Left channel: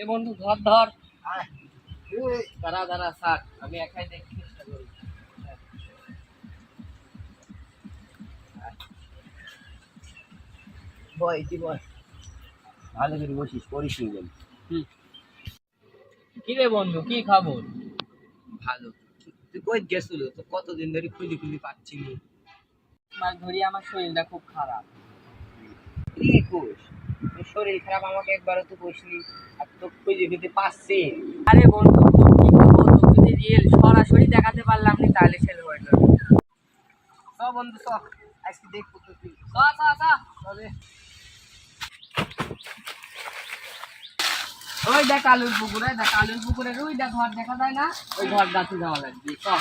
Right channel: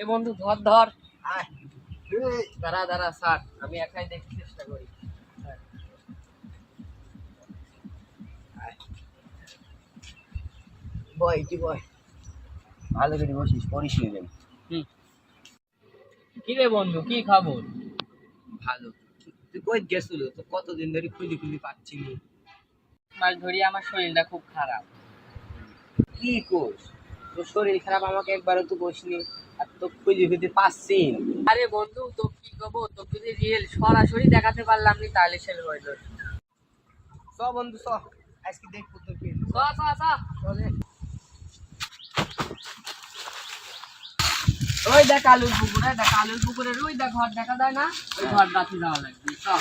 এ বন্ধু ধর ধর। আয় দাঁড়া দাঁড়া স্যার, আমি একাই দেখতে চেষ্টা করি। বয় কি বয়, ভালো করে বসিস, পড়িস নি যেন। কি রে বন্ধু, কি খবর? ভালো। তুই কই গেছিল? তো কতদিন ধরে খুঁজি খুঁজি পাচ্ছি নি। মাস ধরে আমার শরীরটা খুব খারাপ। কি কোস? তোর শরীর খারাপ আমাকে একবারও তো বসনি, আর তো খুঁজে খুঁজে পাচ্ছি। আরে বন্ধু, তো কি করবো, তো যদি রিয়েল সরাসরি দেখাতে পারলাম না তাহলে সেল হইল। চ বন্ধু চ, আজকে দেখবো তোর কি। চলে। ওই দেখ আলুর পুকুরে, দেখ আলুর পুকুরের ওই দেখ ঘর দেখা যায় না, ওই ঘর গাছে যাওয়া লাগবে। চল।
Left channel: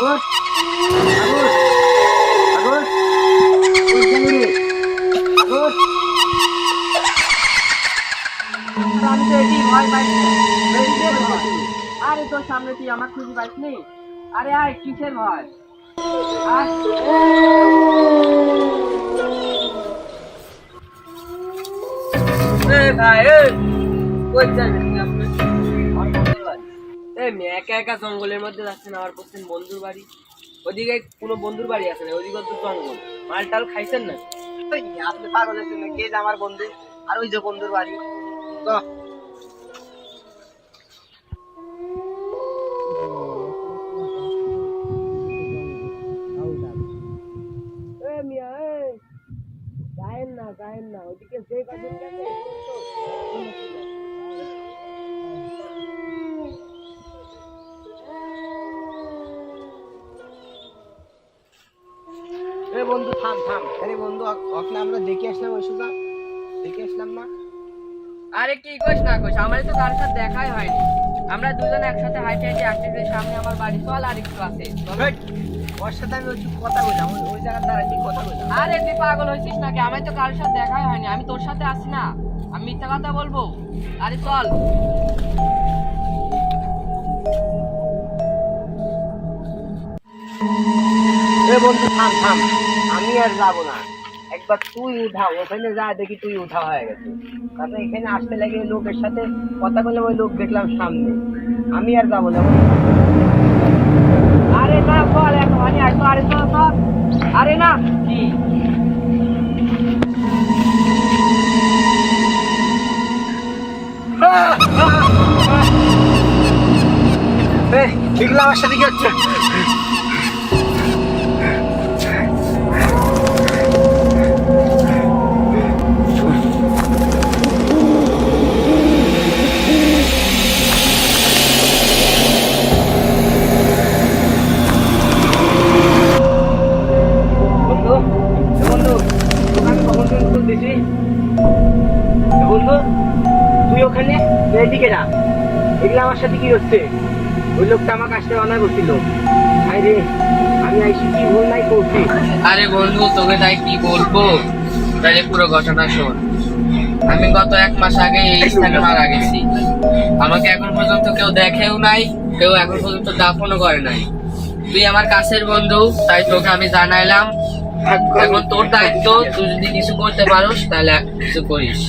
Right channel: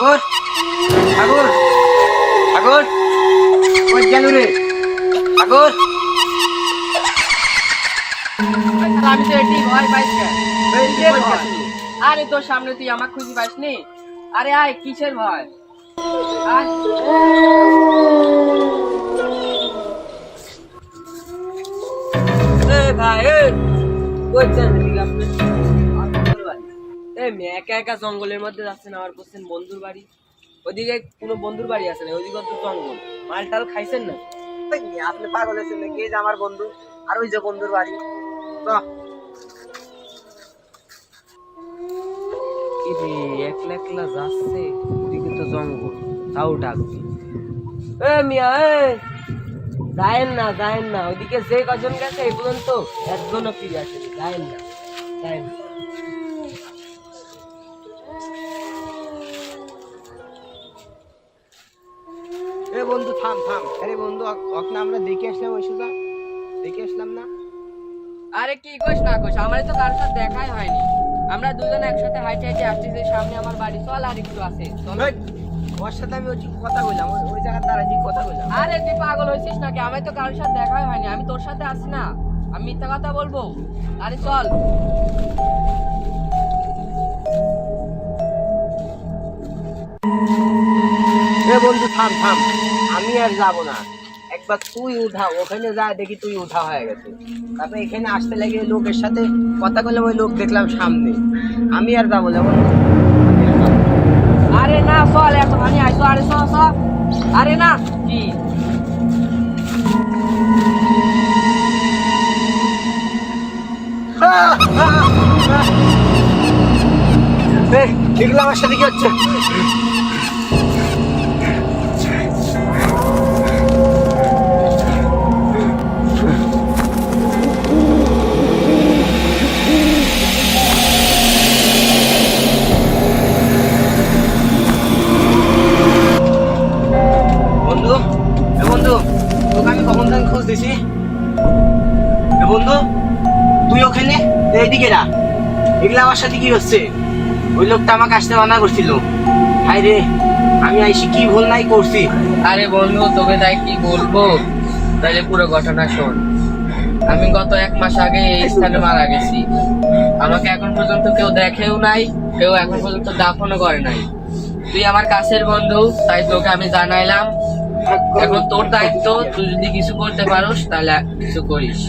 সাগর, সাগর, সাগর, কই গেল রে? সাগর, আমি তো এটি ভয় পাইছি না। এই যে ভয়। আরে তোর সামনে তুই আমার খুঁজে পাইসনি? আরে আয়, কিসের ভয়? আয়। ভাই কই যাচ্ছেন আপনি? মেয়ে একা একা জঙ্গলের মধ্যে যাচ্ছেন, আমার বলছেন বন্ধুর বাড়ি। ওদিকে কোনো বন্ধুর বাড়ি আছে না, ওদিকে তো জঙ্গল। মাল টাল খাইছেন না? আপনি পাগল হয়েছেন নাকি? এই যে আমার বন্ধু, আর ওই যে বন্ধুর বাড়ি। তো একলা একলা যাচ্ছে, ওদিকে তো জঙ্গল, তাও ডাকছে। মিয়া যায়েন না, যায়েন না, ওদিকে যে কজন গেছে এই পর্যন্ত একজনও ফিরে আসে। যায়েন না, যায়েন না। এ বন্ধু থাম থাম। আরে বন্ধু, ওকে আমরা দেখে আসলাম, ওই সুদা দেখে আসলাম না। আরে কি কইস না কইস, আমার তো কারোর সাথে দেখাই হয়নি। আমরা দুজনে একসাথে হাইটে হাইটে আসতেছি, সামনে আমার বাড়ি। চল আর একটু আছে, চল। হেই, ওর সাথে আমি ওই কথা বললাম, ওই জায়গায় দাঁড়াই কথা বললাম। আরে তুই পাগল হয়েছিস নাকি? আমার তো কারোর সাথে দেখাই হয়নি, আমি তোর সাথে আছি না, আমি মিথ্যা কথা বলবো? আরে চল। এ বন্ধু থাম থাম, আমি আর যাবো না। একবার তুই উঠা, ওখানে যা দেখি তুই উঠা হয়ে গেছে। তারপরে এখানে আসতে লাগে ওই লোকের সাথে কথা বলে, ওই লোক দেখলাম সামনে। আমি আর যাবো না। আরে না চল, একটুখানি আসো। আরে চল চল। আরে না কি এগুলো আমার সাথে কি হচ্ছে? বন্ধু, এ বন্ধু, তোকে আমি কখন থেকে খোঁজ দিছি। এ বন্ধু, তুই ওখানে, এইদিকে না। এগুলো আমার সাথে কি হচ্ছে? ওই লোকটা আমাকে আসতে মানা করছিল। হাই রে, আমি আইসি কি ভুল নাই করছি। আরে বন্ধু, তোকে তাই কি বলবো, তাহলে পুরো ঘটনা শোন। আমি গত 1 মাস আগে এই স্থানে মারা গেছি। আমাকে এখন পর্যন্ত কেউ দেখেও নাই, কেউ এখন পর্যন্ত দাফনও করে নাই। তুই আমার কাছের বন্ধু, তাই তোকে আমি জানাইলাম। এখন তোর দায়িত্ব, তুই যদি কিছু করতে পারোস তাহলে কিছু করিস।